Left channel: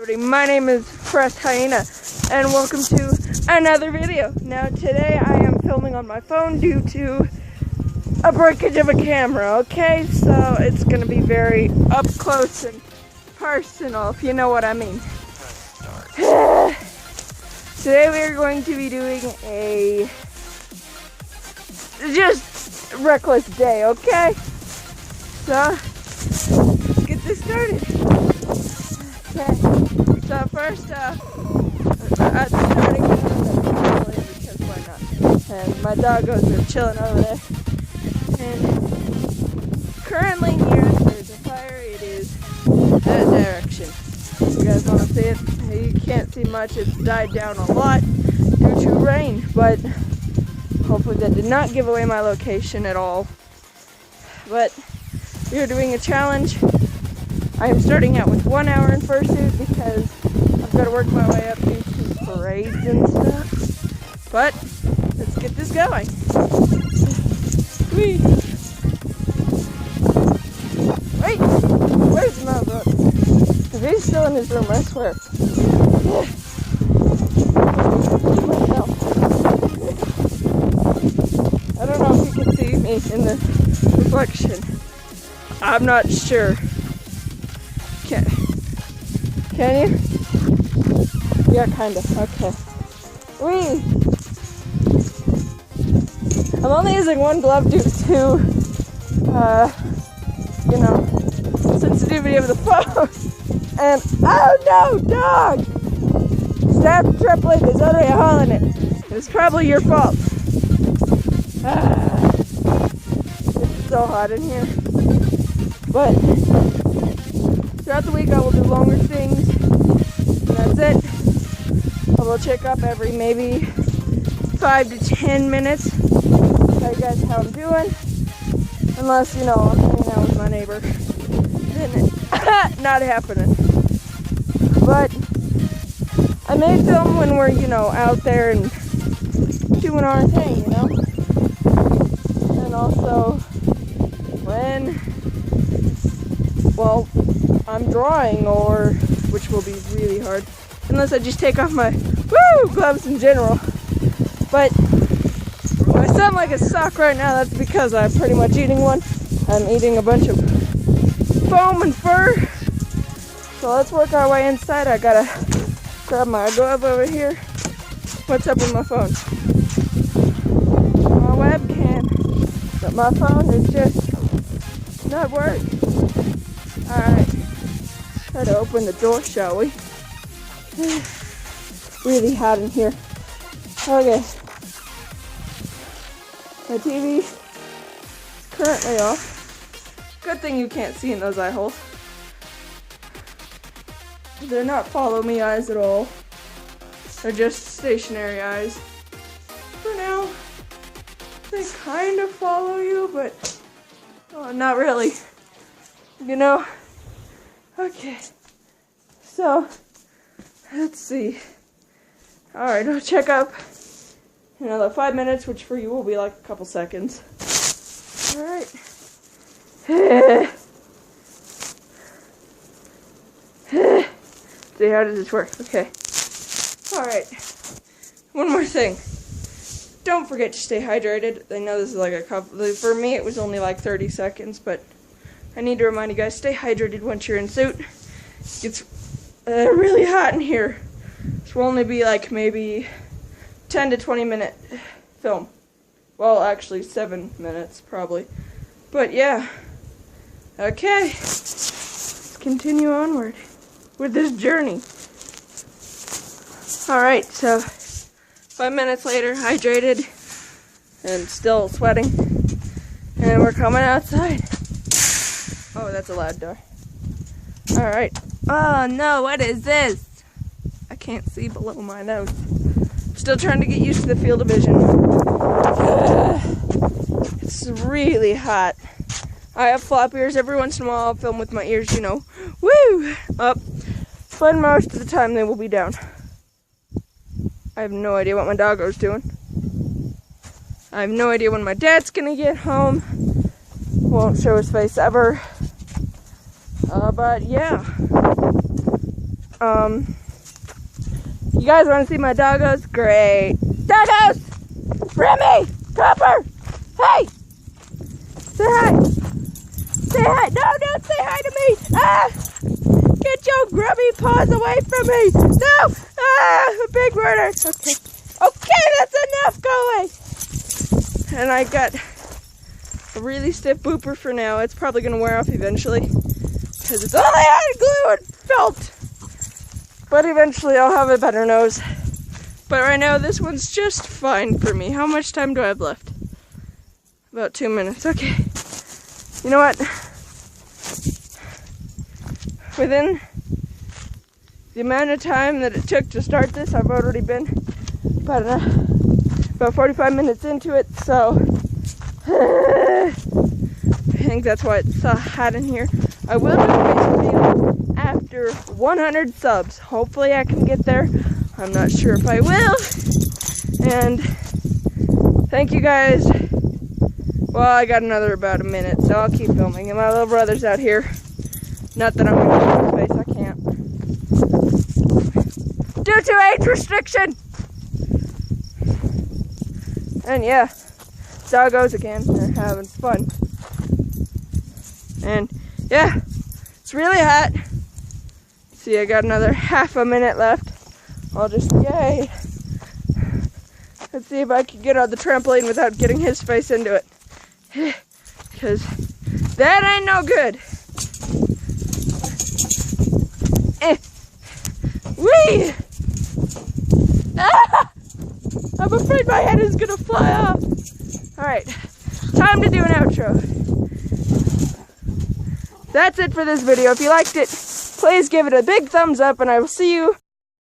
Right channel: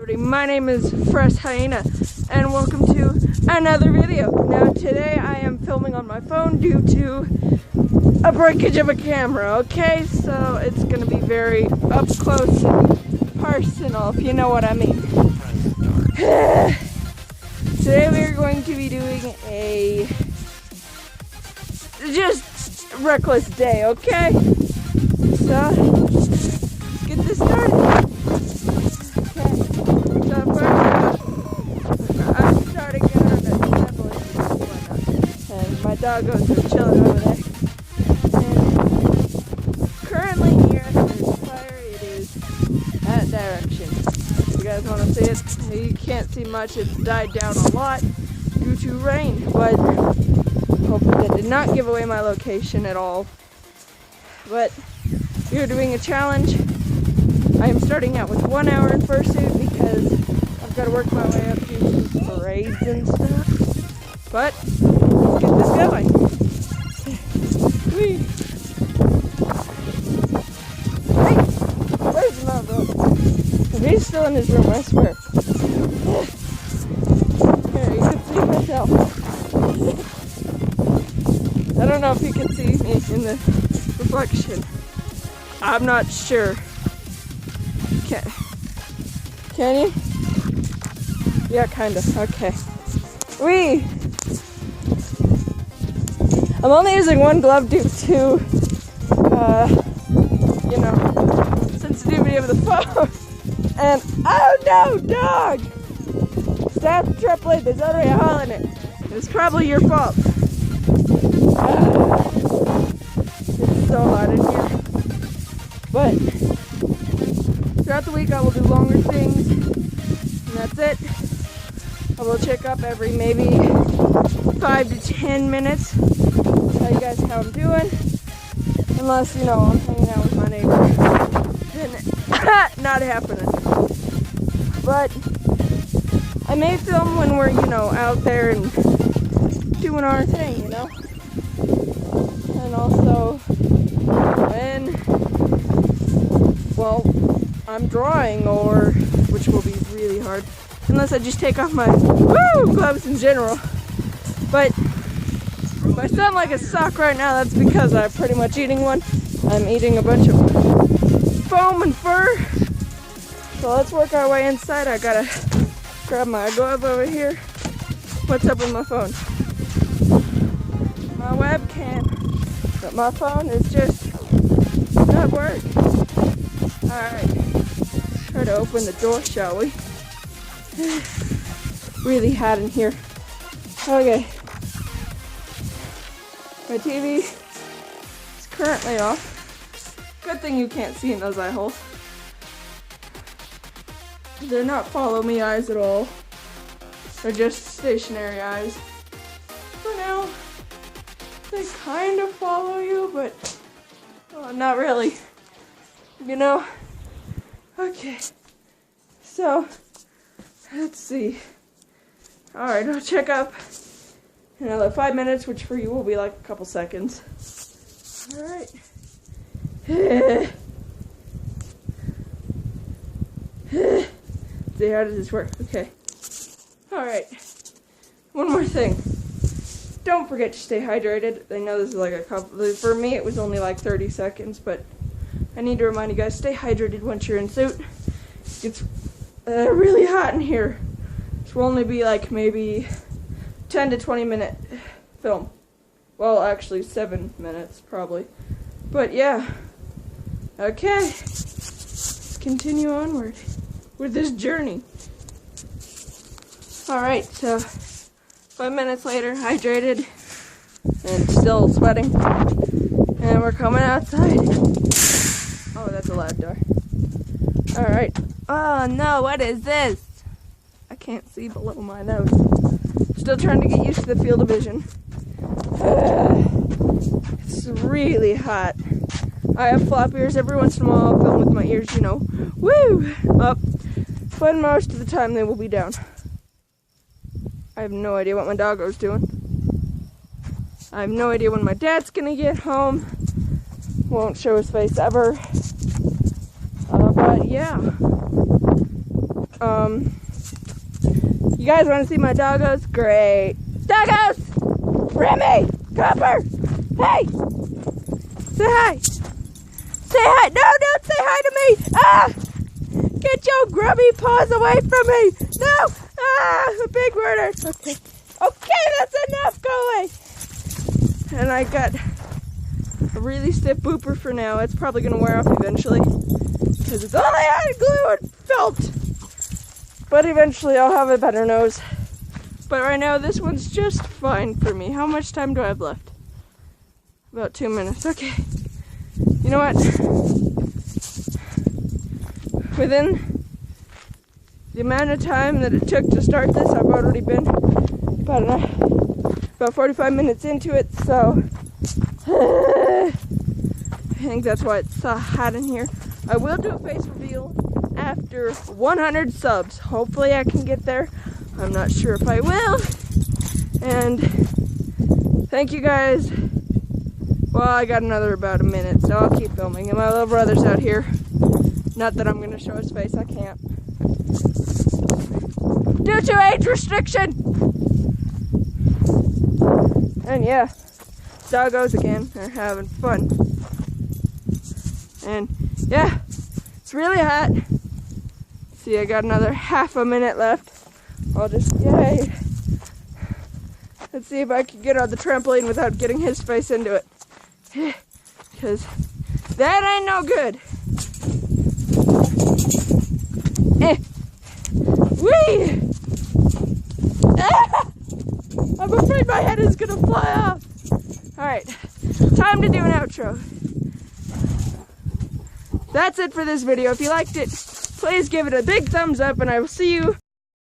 My name is Press Hyena and welcome to another video. Now today I am filming on my phone due to a breakage of a camera, okay? So it's going to be very up close and personal, if you know what I mean. Today we are going to be doing a just reckless day, okay? So let's get this started. Okay, so first I'm starting to why not? And my doggos are chilling over there. And currently near there's fire, it is that direction. You guys want to see it? You can't see much, it's died down a lot due to rain, but hopefully that did not give away my location at all. But we are doing a challenge. I am starting out with 1 hour in fursuit because I've got to work my way up to parades and stuff. But let's get this going. Whee! Hey! Where's my brother? He's still in his room, I swear. I don't know if you can see me in the reflection. I'm not sure. Can you? Yeah, kind of. Okay. Whee! I'm only using one glove due to, sensitivity of the phone. And, oh no, dog! Stop tripling, there's only a hole in it. It's probably your fault. It's so hot in here. But throughout the week I will do longer things, and that's it. I will check up every maybe 5 to 10 minutes, tell you guys how I'm doing, unless, I'm hanging out with my neighbor. Then it's not happening. But I may film when we're, out there and doing our thing, and also when, I'm drawing, or which will be really hard unless I just take off my gloves in general. But if I sound like a sock right now, that's because I'm pretty much eating one. I'm eating a bunch of foam and fur. So let's work our way inside. I gotta grab my glove over here. What's up with my phone? My webcam, but my phone is just not working. Alright, try to open the door, shall we? Really hot in here. Okay. My TV is currently off. Good thing you can't see in those eye holes. They're not follow me eyes at all. They're just stationary eyes. For now, they kind of follow you, but not really. Okay, so let's see. Alright, I'll check up in another 5 minutes, which for you will be like a couple seconds. Alright. See, how does this work? Okay. Alright. One more thing. Don't forget to stay hydrated. I know this is like a couple, for me it was only like 30 seconds, but I need to remind you guys, stay hydrated once you're in suit. It's really hot in here. This will only be like maybe 10 to 20 minute film. Well, actually 7 minutes probably. But yeah. Okay. Let's continue onward with this journey. Alright, so 5 minutes later, hydrated and still sweating. And we're coming outside. Oh, that's a loud door. Alright. Oh no, what is this? I can't see below my nose. Still trying to get used to the field of vision. It's really hot. I have flop ears. Every once in a while I'll film with my ears, woo! Up. But most of the time they will be down. I have no idea what my doggo's doing. I have no idea when my dad's gonna get home. Won't show his face ever. But yeah. You guys want to see my doggos? Great. Doggos! Remy! Copper! Hey! Say hi! Say hi! No, don't say hi to me! Ah! Get your grubby paws away from me! No! Ah! A big murder! Okay. Okay, that's enough! Go away! And I got a really stiff booper for now. It's probably going to wear off eventually. Because it's only hot glue and felt! But eventually I'll have a better nose. But right now this one's just fine for me. How much time do I have left? About 2 minutes. Okay. You know what? Within the amount of time that it took to start this, I've already been about 45 minutes into it, so I think that's why it's so hot in here. I will do a face reveal after 100 subs. Hopefully I can get there. I'm not sure if I will. And thank you guys. Well, I got another about a minute, so I'll keep filming. And my little brother's out here. Not that I'm going to show his face, I can't. Due to age restriction! And yeah, doggos again, they're having fun. And yeah, it's really hot. See, I got another half a minute left. I'll just, yay. Let's see if I can get on the trampoline without getting his face into it. Because that ain't no good. Whee! Ah! I'm afraid my head is gonna fly off. Alright, time to do an outro. That's it for this video. If you liked it, please give it a big thumbs up and I will see you